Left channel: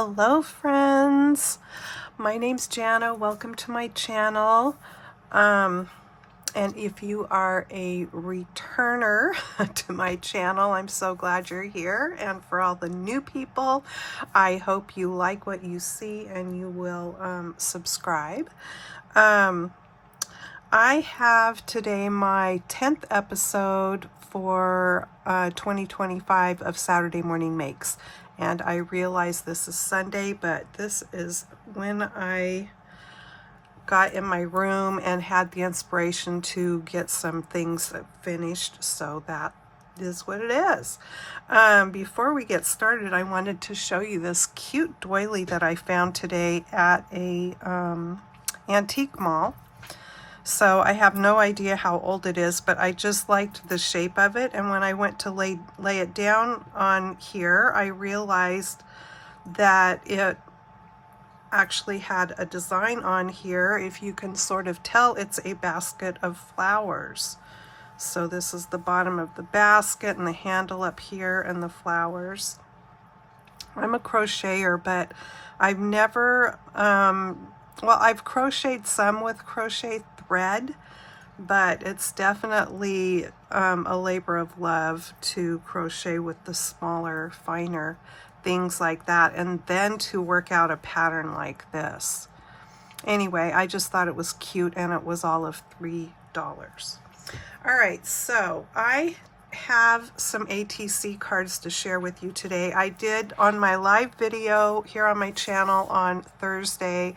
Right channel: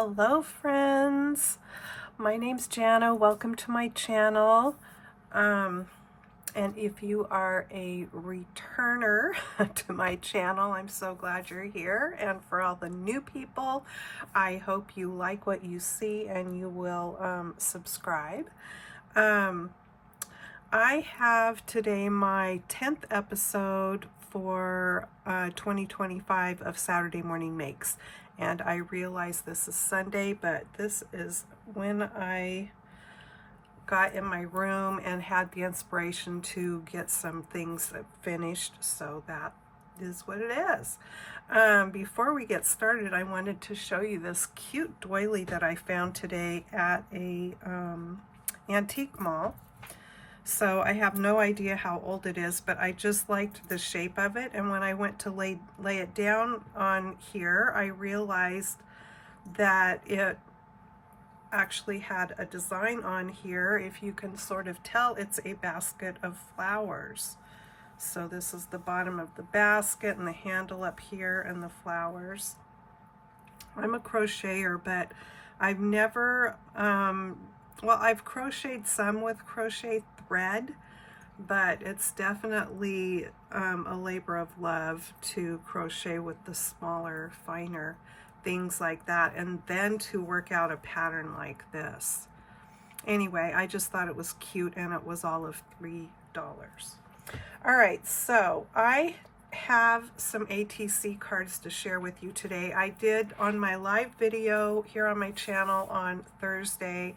Hello friends, my name's Janna. Welcome to my channel. And if you are a returner to my channel, I'm so glad you're here. And for all the new people, I hope you like what you see and you will subscribe. I have today my 10th episode for 2025 of Saturday Morning Makes. And I realize this is Sunday, but this is when I got in my room and had the inspiration to get some things finished, so that is what it is. Before we get started, I wanted to show you this cute doily that I found today at a antique mall. So I have no idea how old it is, but I just liked the shape of it. And when I went to lay it down on here, I realized that it actually had a design on here. If you can sort of tell, it's a basket of flowers. So this is the bottom of the basket and the handle up here and the flowers. I'm a crocheter, but I've never, well, I've crocheted some with crochet thread, but it's definitely a labor of love to crochet with the smaller, finer things like that, and then to work out a pattern like this. Anyway, I just thought it was cute, and it was all of $3. All right, so I have some ATC cards to share with you today. I did on my live video here on my channel on Thursday.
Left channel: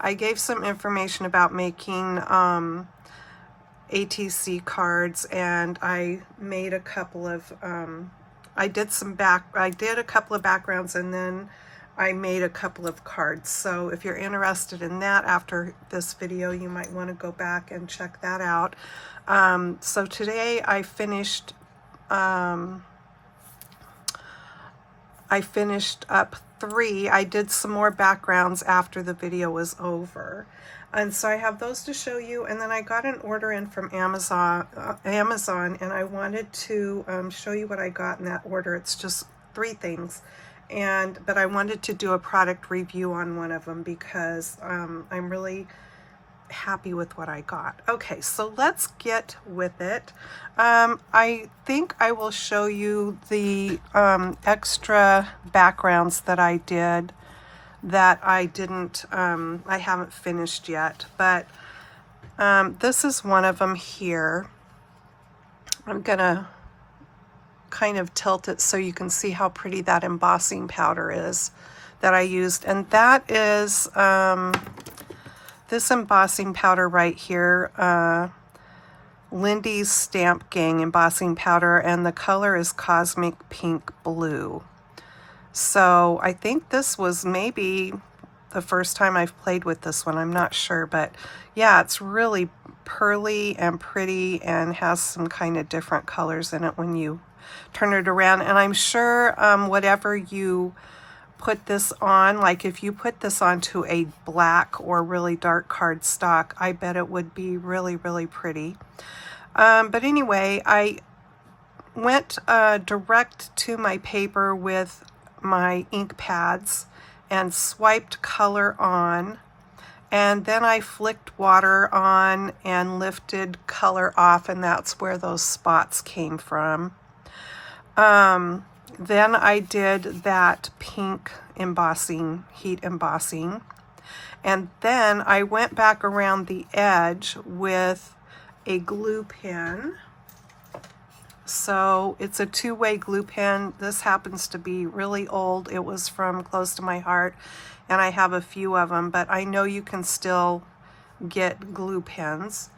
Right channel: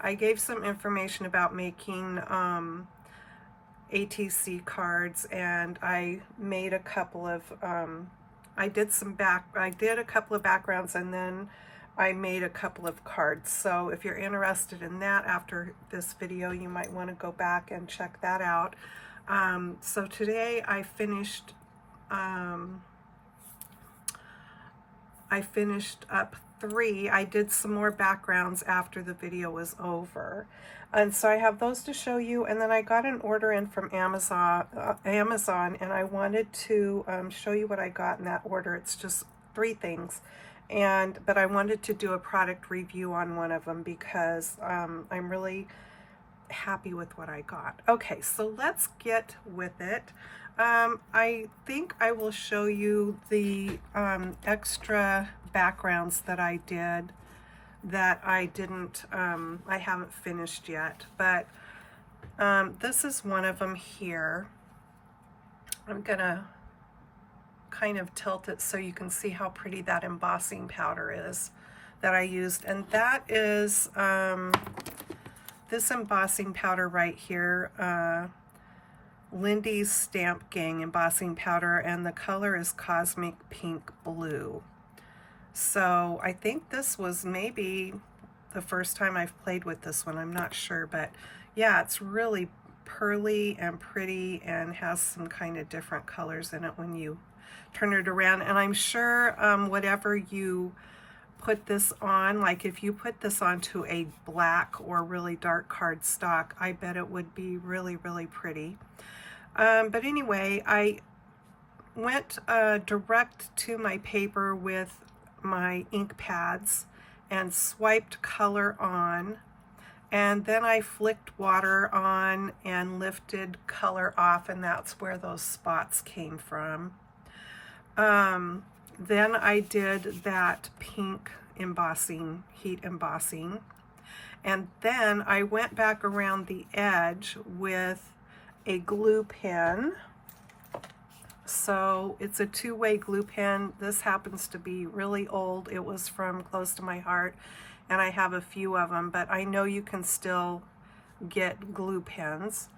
I gave some information about making ATC cards, and I made a couple of I did a couple of backgrounds, and then I made a couple of cards. So if you're interested in that after this video, you might want to go back and check that out. So today I finished up 3. I did some more backgrounds after the video was over. And so I have those to show you, and then I got an order in from Amazon, and I wanted to show you what I got in that order. It's just 3 things, but I wanted to do a product review on one of them because I'm really happy with what I got. Okay, so let's get with it. I think I will show you the extra backgrounds that I did that I haven't finished yet, but this is one of them here. I'm gonna kind of tilt it so you can see how pretty that embossing powder is that I used, and that is this embossing powder right here, Lindy's Stamp Gang embossing powder, and the color is Cosmic Pink Blue. So I think this was maybe the first time I've played with this one. I'm not sure, but yeah, it's really pearly and pretty and has some kind of different colors in it when you turn it around. And I'm sure whatever you put this on, like if you put this onto a black or really dark cardstock, I bet it would be really, really pretty. But anyway, I went direct to my paper with my ink pads and swiped color on, and then I flicked water on and lifted color off, and that's where those spots came from. Then I did that pink embossing, heat embossing, and then I went back around the edge with a glue pen. So it's a 2-way glue pen. This happens to be really old. It was from close to my heart, and I have a few of them, but I know you can still get glue pens.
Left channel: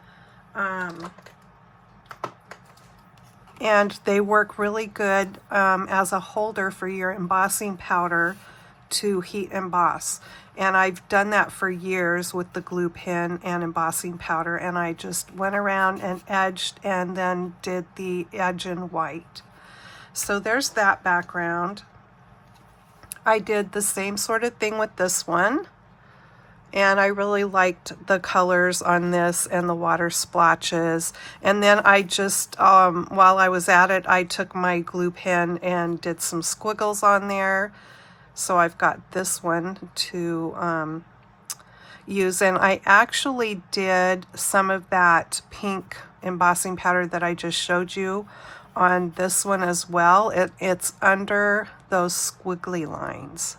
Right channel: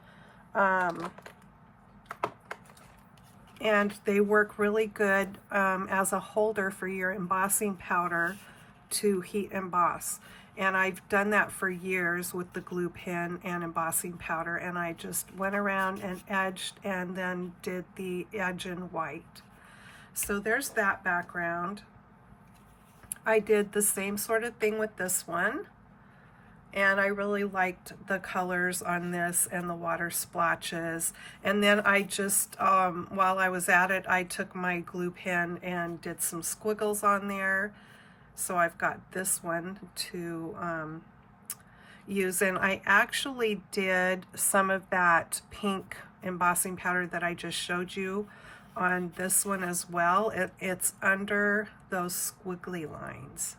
And they work really good as a holder for your embossing powder to heat emboss. And I've done that for years with the glue pen and embossing powder, and I just went around and edged and then did the edge in white. So there's that background. I did the same sort of thing with this one, and I really liked the colors on this and the water splotches. And then I just, while I was at it, I took my glue pen and did some squiggles on there So I've got this one to use, and I actually did some of that pink embossing powder that I just showed you on this one as well. It's under those squiggly lines.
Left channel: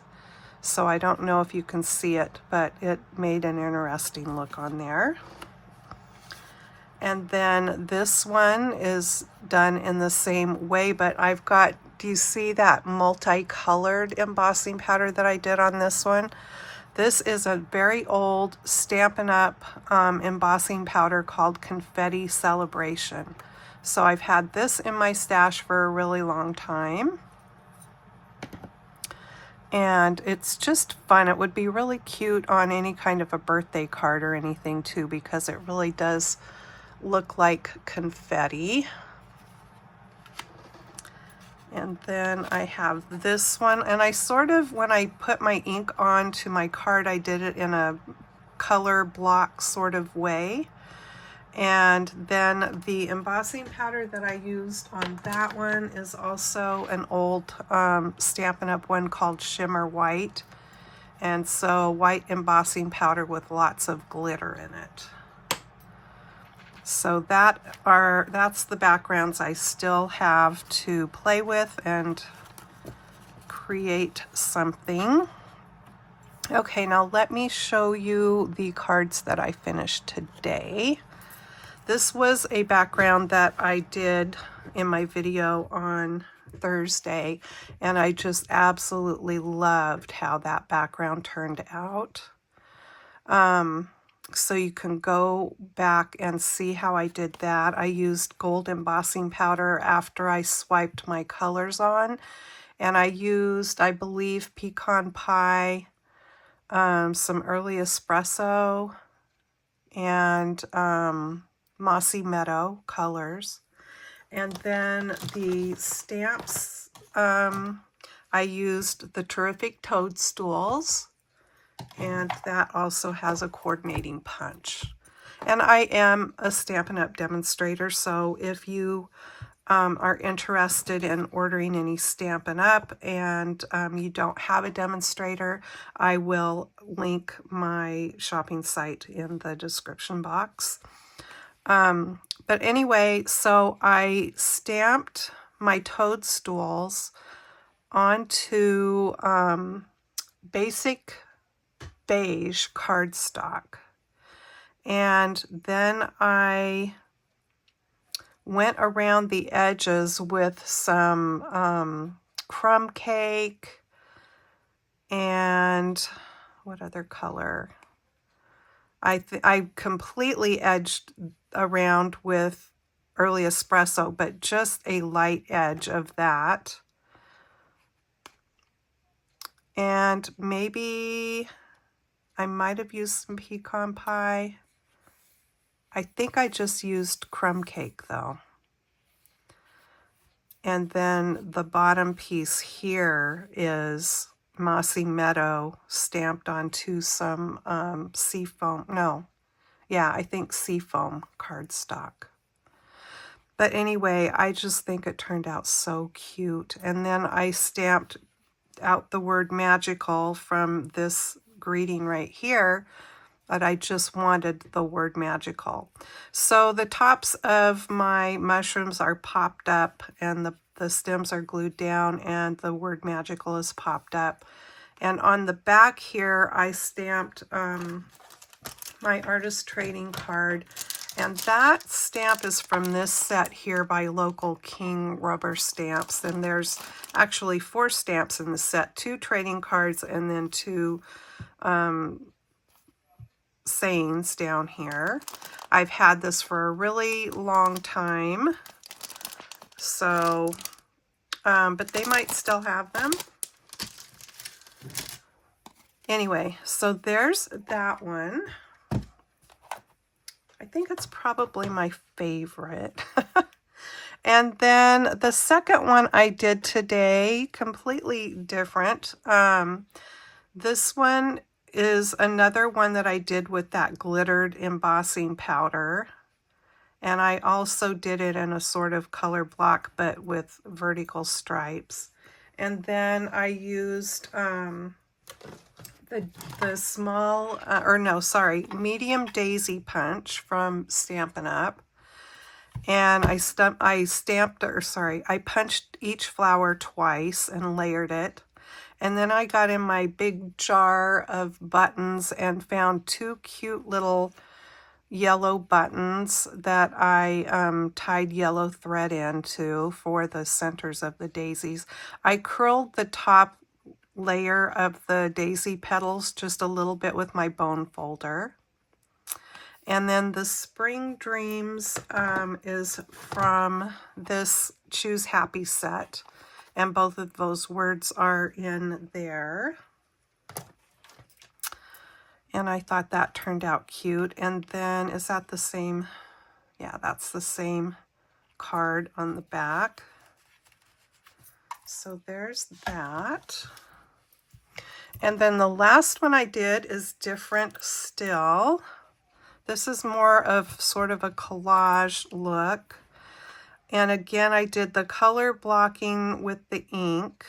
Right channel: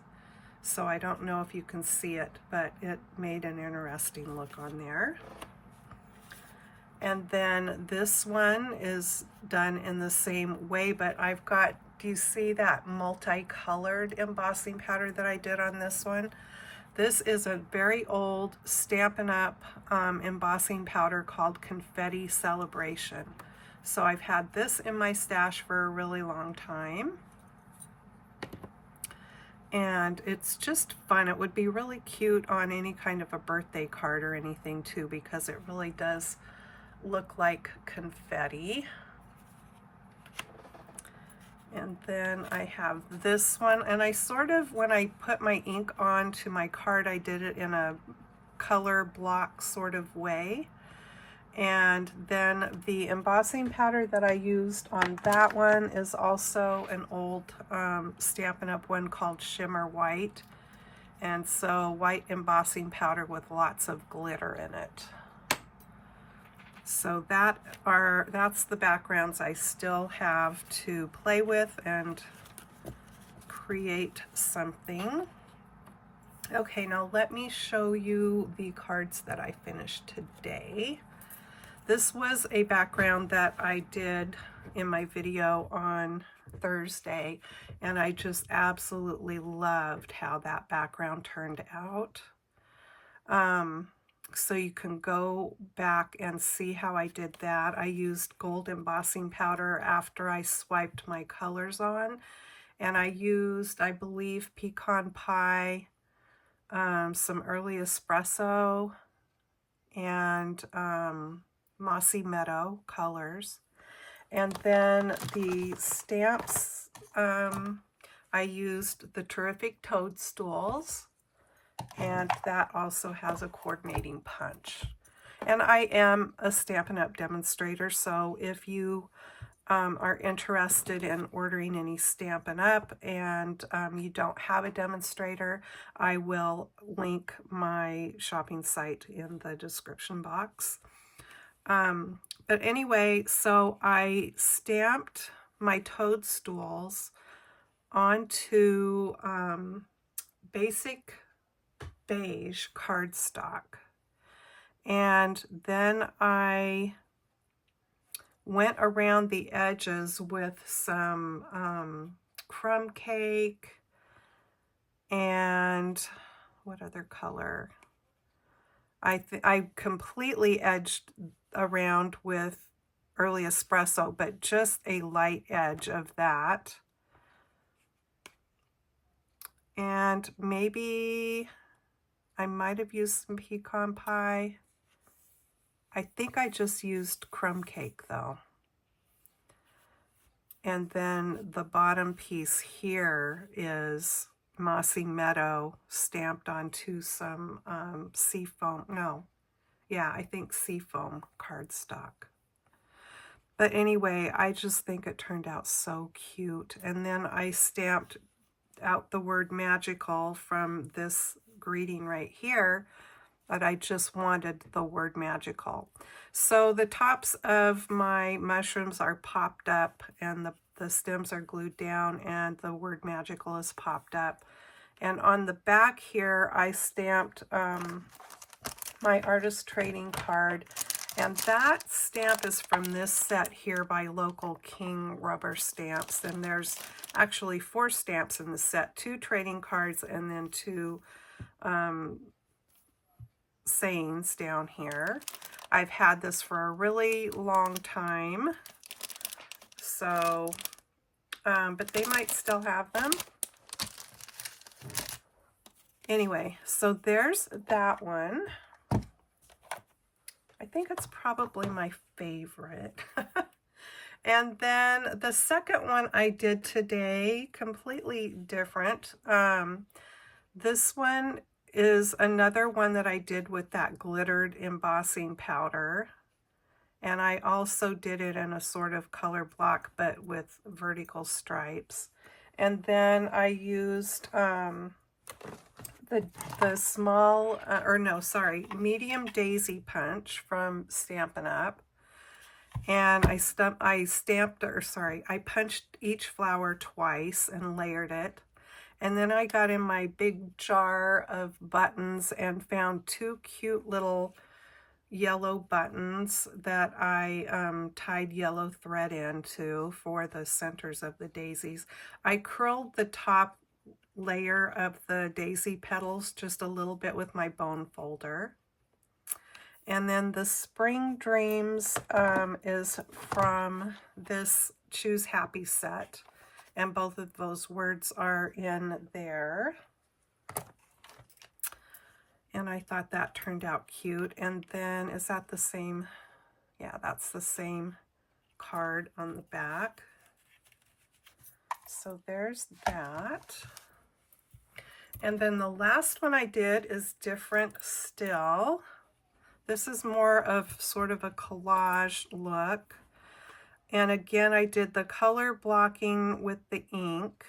So I don't know if you can see it, but it made an interesting look on there. And then this one is done in the same way, but I've got, do you see that multicolored embossing powder that I did on this one? This is a very old Stampin' Up! Embossing powder called Confetti Celebration. So I've had this in my stash for a really long time. And it's just fun. It would be really cute on any kind of a birthday card or anything too, because it really does look like confetti. And then I have this one, and I sort of, when I put my ink onto my card, I did it in a color block sort of way. And then the embossing powder that I used on that one is also an old Stampin' Up! One called Shimmer White. And so white embossing powder with lots of glitter in it. So that's the backgrounds I still have to play with and create something. Okay, now let me show you the cards that I finished today. This was a background that I did in my video on Thursday, and I just absolutely loved how that background turned out. So you can go back and see how I did that. I used gold embossing powder after I swiped my colors on, and I used, I believe, pecan pie, some early espresso, and mossy meadow colors. And then the stamps, I used the Terrific Toadstools, and that also has a coordinating punch. And I am a Stampin' Up! Demonstrator, so if you are interested in ordering any Stampin' Up! And you don't have a demonstrator, I will link my shopping site in the description box. But anyway, so I stamped my toadstools onto basic beige cardstock, and then I went around the edges with some crumb cake and what other color? I completely edged around with early espresso, but just a light edge of that. And maybe I might have used some pecan pie. I think I just used crumb cake though. And then the bottom piece here is Mossy Meadow stamped onto some seafoam. No, yeah, I think seafoam cardstock. But anyway, I just think it turned out so cute. And then I stamped out the word magical from this greeting right here, but I just wanted the word magical. So the tops of my mushrooms are popped up, and the stems are glued down, and the word magical is popped up. And on the back here, I stamped my artist trading card, and that stamp is from this set here by Local King Rubber Stamps. And there's actually 4 stamps in the set, 2 trading cards and then 2 sayings down here. I've had this for a really long time, so but they might still have them. Anyway, so there's that one. I think it's probably my favorite. And then the second one I did today, completely different. This one is another one that I did with that glittered embossing powder. And I also did it in a sort of color block, but with vertical stripes. And then I used the small, or no, sorry, medium daisy punch from Stampin' Up. And I punched each flower twice and layered it. And then I got in my big jar of buttons and found two cute little yellow buttons that I tied yellow thread into for the centers of the daisies. I curled the top layer of the daisy petals just a little bit with my bone folder. And then the Spring Dreams is from this Choose Happy set. And both of those words are in there. And I thought that turned out cute. And then, is that the same? Yeah, that's the same card on the back. So there's that. And then the last one I did is different still. This is more of sort of a collage look. And again, I did the color blocking with the ink.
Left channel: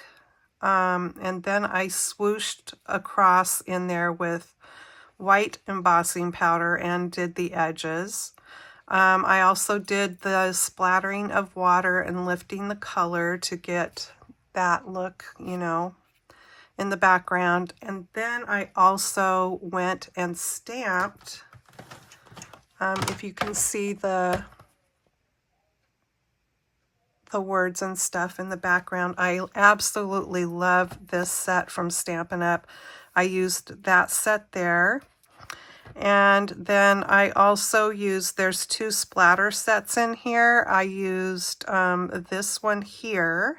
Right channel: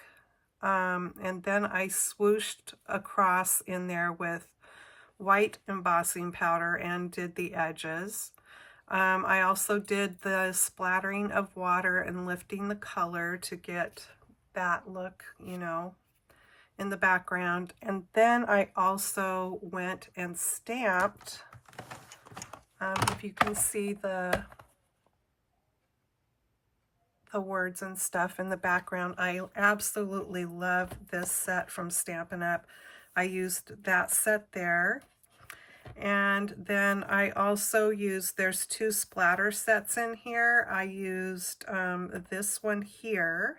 And then I swooshed across in there with white embossing powder and did the edges. I also did the splattering of water and lifting the color to get that look, you know, in the background. And then I also went and stamped, if you can see the words and stuff in the background. I absolutely love this set from Stampin' Up. I used that set there. And then I also used, there's two splatter sets in here. I used this one here,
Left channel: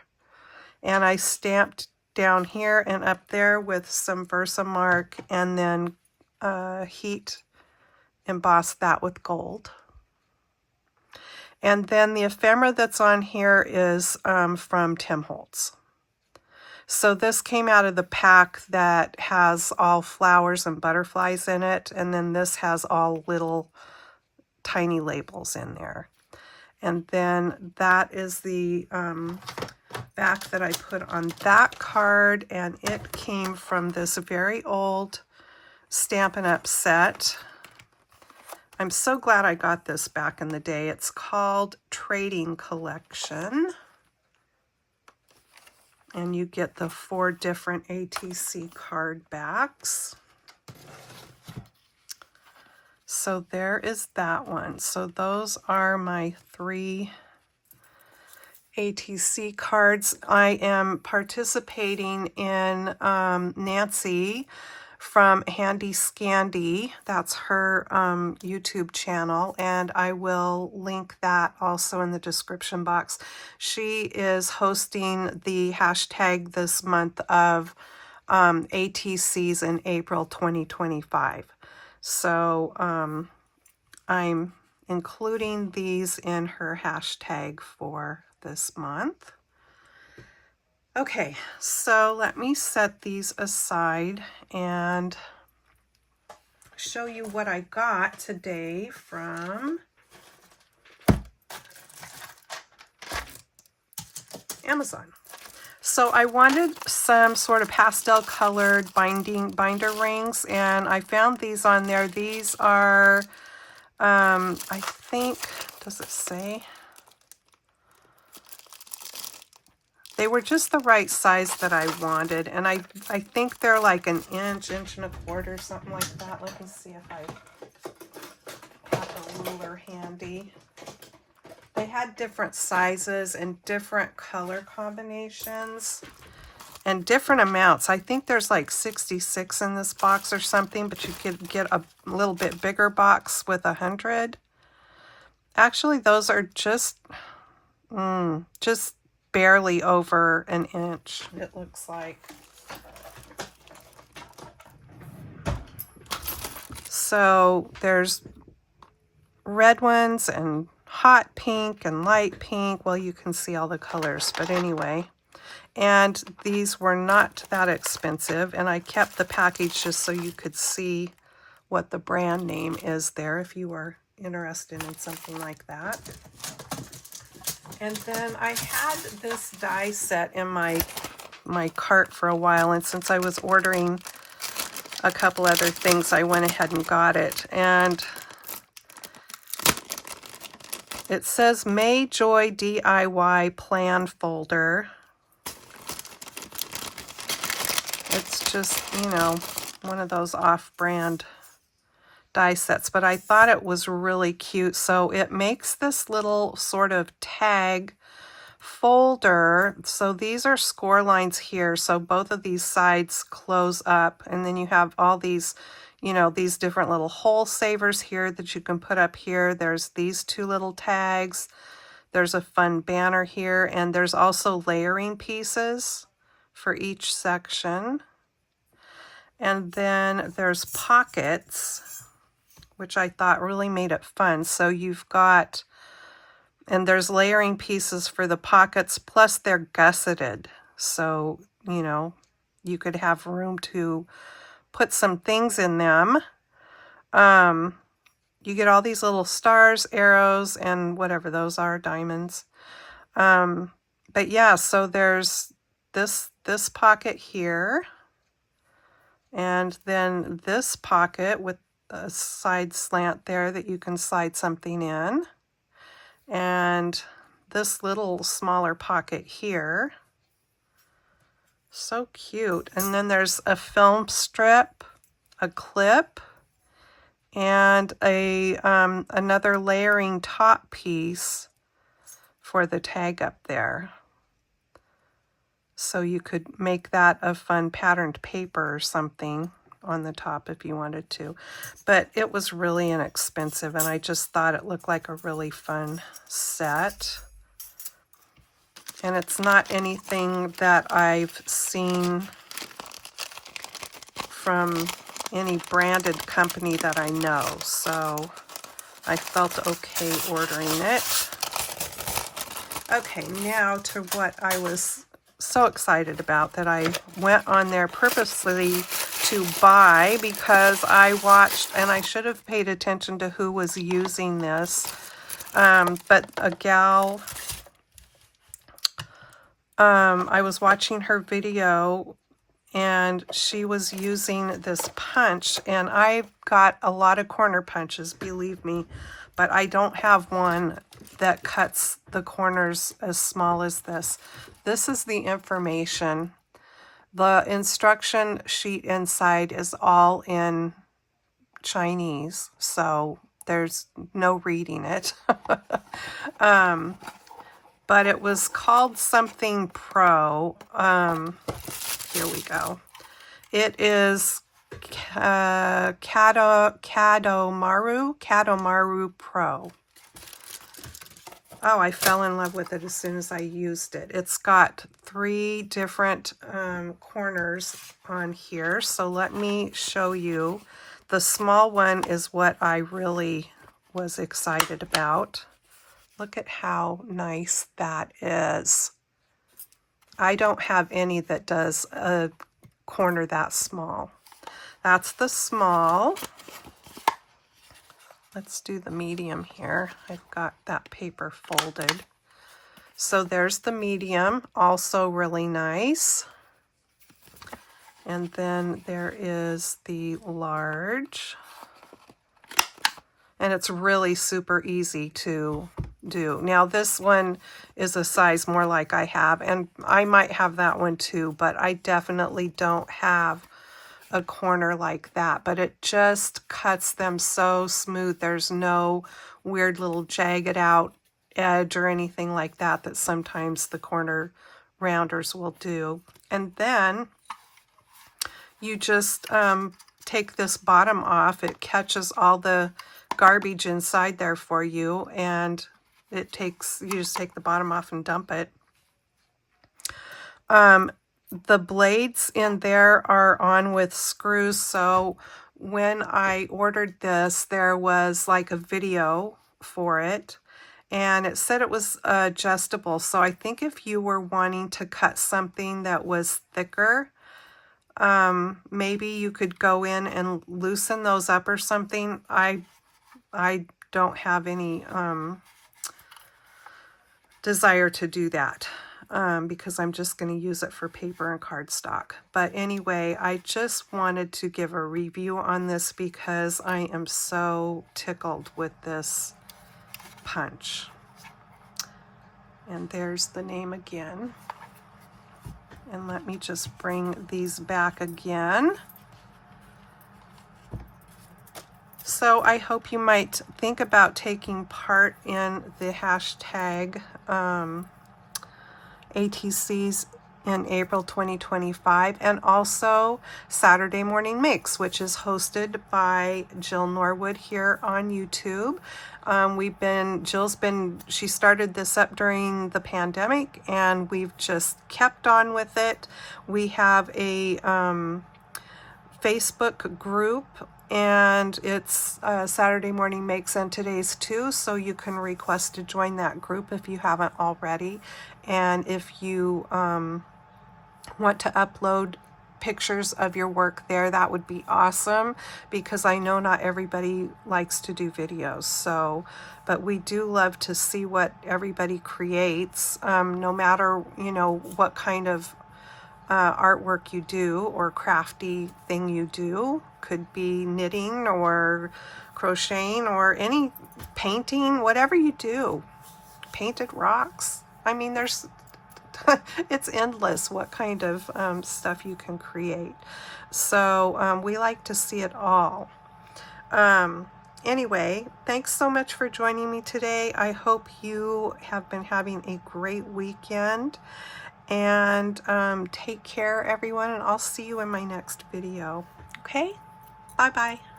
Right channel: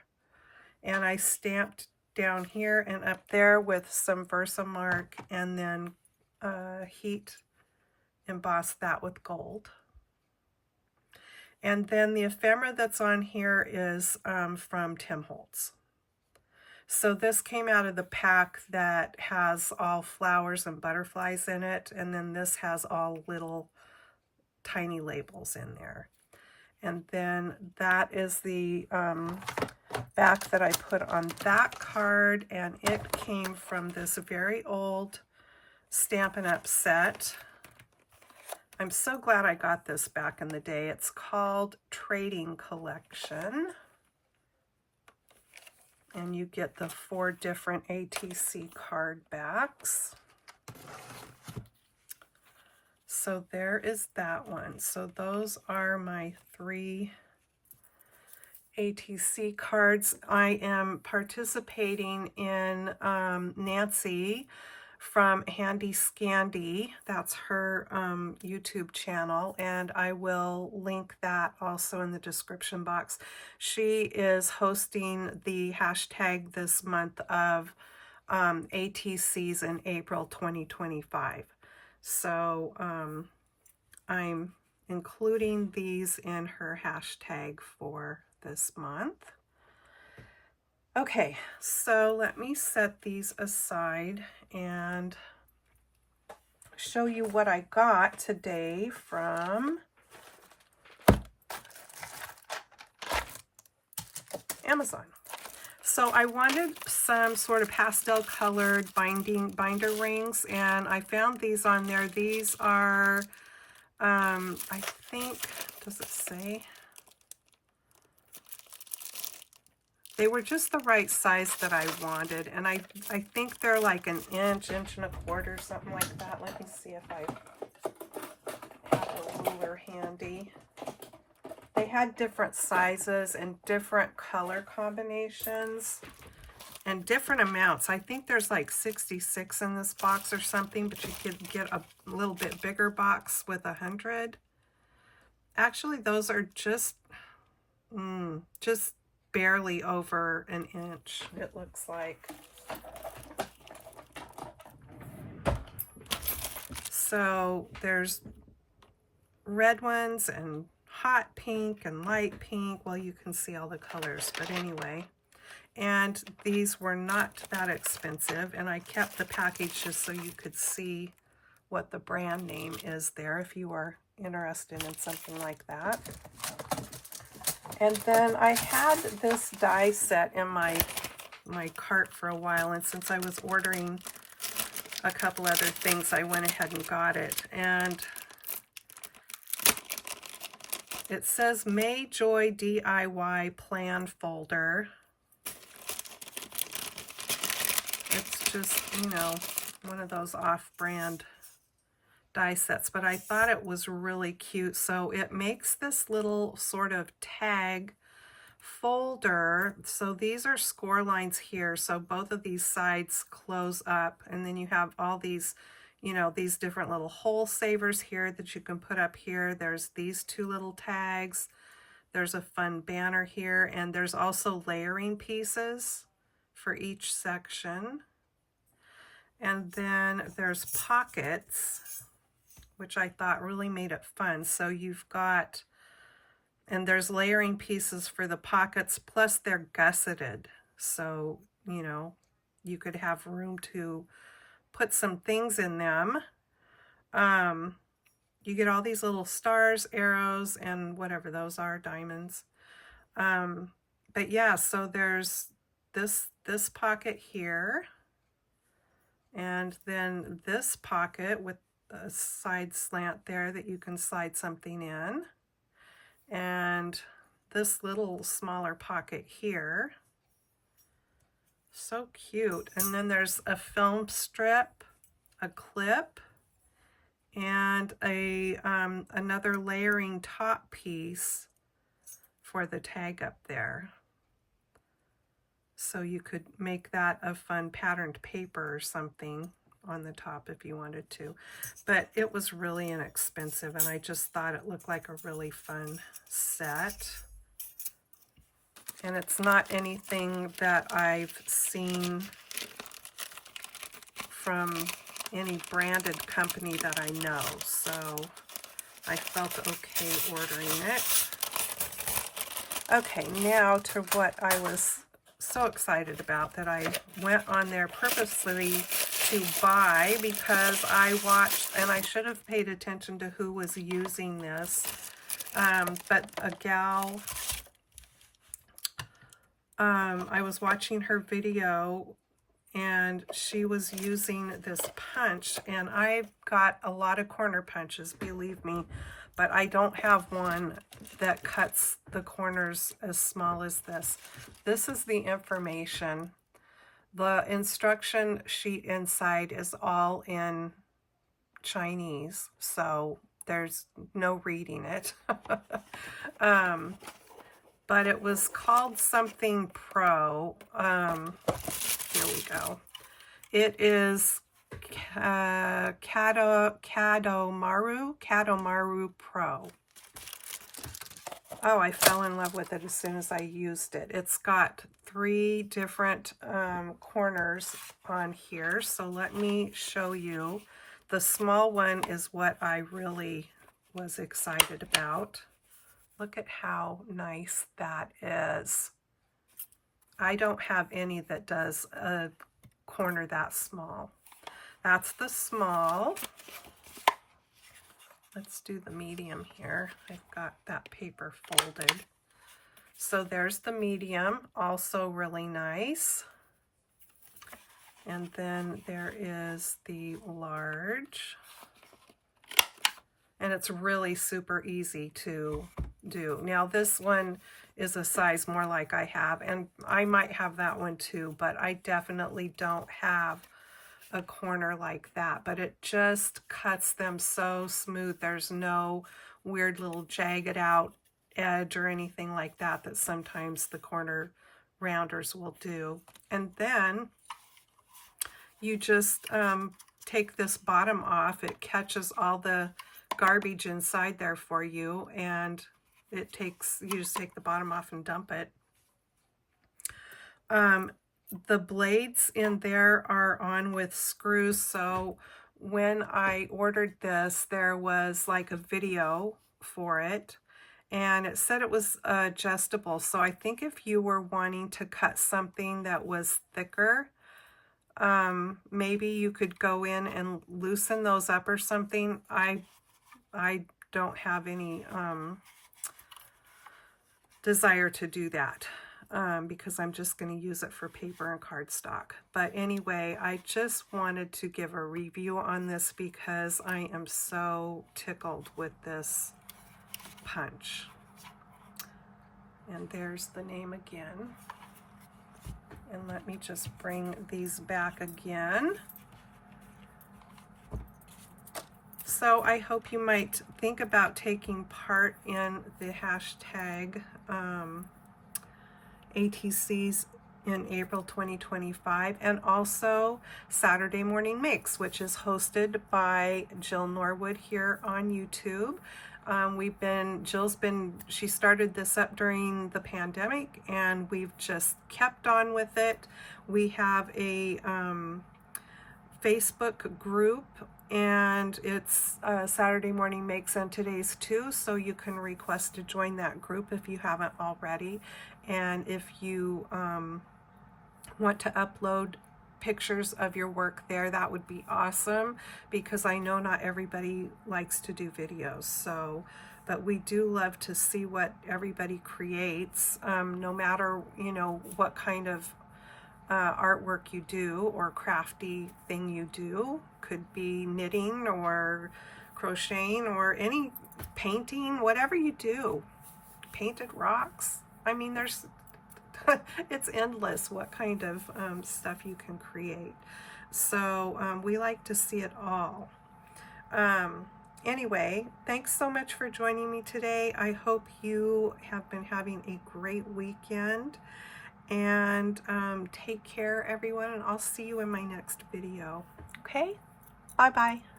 and I stamped down here and up there with some Versamark, and then heat embossed that with gold. And then the ephemera that's on here is from Tim Holtz. So this came out of the pack that has all flowers and butterflies in it, and then this has all little tiny labels in there. And then that is the back that I put on that card, and it came from this very old Stampin' Up set. I'm so glad I got this back in the day. It's called Trading Collection. And you get the 4 different ATC card backs. So there is that one. So those are my 3 ATC cards. I am participating in Nancy from Handi Scandi. That's her YouTube channel, and I will link that also in the description box. She is hosting the hashtag this month of ATCs in April 2025. So I'm including these in her hashtag for this month. Okay, so let me set these aside and show you what I got today from Amazon. So I wanted some sort of pastel colored binder rings, and I found these on there. These are, I think, does it say? They were just the right size that I wanted, and I think they're like an inch, inch and a quarter, something like that. Let me see if I have a ruler handy. They had different sizes and different color combinations and different amounts. I think there's like 66 in this box or something, but you could get a little bit bigger box with 100. Actually, those are just barely over an inch, it looks like. So there's red ones and hot pink and light pink. Well, you can see all the colors, but anyway. And these were not that expensive, and I kept the package just so you could see what the brand name is there if you are interested in something like that. And then I had this die set in my my cart for a while, and since I was ordering a couple other things, I went ahead and got it. And it says May Joy DIY Plan Folder. It's just, you know, one of those off-brand die sets, but I thought it was really cute. So it makes this little sort of tag folder. So these are score lines here. So both of these sides close up, and then you have all these, you know, these different little hole savers here that you can put up here. There's these two little tags. There's a fun banner here, and there's also layering pieces for each section. And then there's pockets, which I thought really made it fun. So you've got, and there's layering pieces for the pockets, plus they're gusseted. So, you know, you could have room to put some things in them. You get all these little stars, arrows, and whatever those are, diamonds. But yeah, so there's this pocket here. And then this pocket with a side slant there that you can slide something in. And this little smaller pocket here. So cute. And then there's a film strip, a clip, and a another layering top piece for the tag up there. So you could make that a fun patterned paper or something on the top if you wanted to. But it was really inexpensive, and I just thought it looked like a really fun set. And it's not anything that I've seen from any branded company that I know. So I felt okay ordering it. Okay, now to what I was so excited about, that I went on there purposely to buy, because I watched, and I should have paid attention to who was using this, but a gal, I was watching her video, and she was using this punch, and I've got a lot of corner punches, believe me, but I don't have one that cuts the corners as small as this. This is the information. The instruction sheet inside is all in Chinese, so there's no reading it. But it was called something Pro. Here we go. It is Kadomaru Pro. Oh, I fell in love with it as soon as I used it. It's got 3 different corners on here. So let me show you. The small one is what I really was excited about. Look at how nice that is. I don't have any that does a corner that small. That's the small. Let's do the medium here. I've got that paper folded. So there's the medium, also really nice. And then there is the large. And it's really super easy to do. Now this one is a size more like I have, and I might have that one too, but I definitely don't have a corner like that, but it just cuts them so smooth. There's no weird little jagged out edge or anything like that that sometimes the corner rounders will do. And then you just take this bottom off. It catches all the garbage inside there for you, and it takes, you just take the bottom off and dump it. The blades in there are on with screws, so when I ordered this, there was like a video for it, and it said it was adjustable. So I think if you were wanting to cut something that was thicker, maybe you could go in and loosen those up or something. I don't have any desire to do that. because I'm just going to use it for paper and cardstock. But anyway, I just wanted to give a review on this because I am so tickled with this punch. And there's the name again. And let me just bring these back again. So I hope you might think about taking part in the hashtag ATCs in April 2025, and also Saturday Morning Makes, which is hosted by Jill Norwood here on YouTube. She started this up during the pandemic, and we've just kept on with it. We have a Facebook group, and it's Saturday Morning Makes and Today's too, so you can request to join that group if you haven't already. And if you want to upload pictures of your work there, that would be awesome, because I know not everybody likes to do videos. So, but we do love to see what everybody creates, no matter, you know, what kind of artwork you do or crafty thing you do. Could be knitting or crocheting or any painting, whatever you do. Painted rocks. I mean, there's it's endless what kind of stuff you can create. So we like to see it all. Anyway, thanks so much for joining me today. I hope you have been having a great weekend. And take care, everyone, and I'll see you in my next video. Okay? Bye-bye.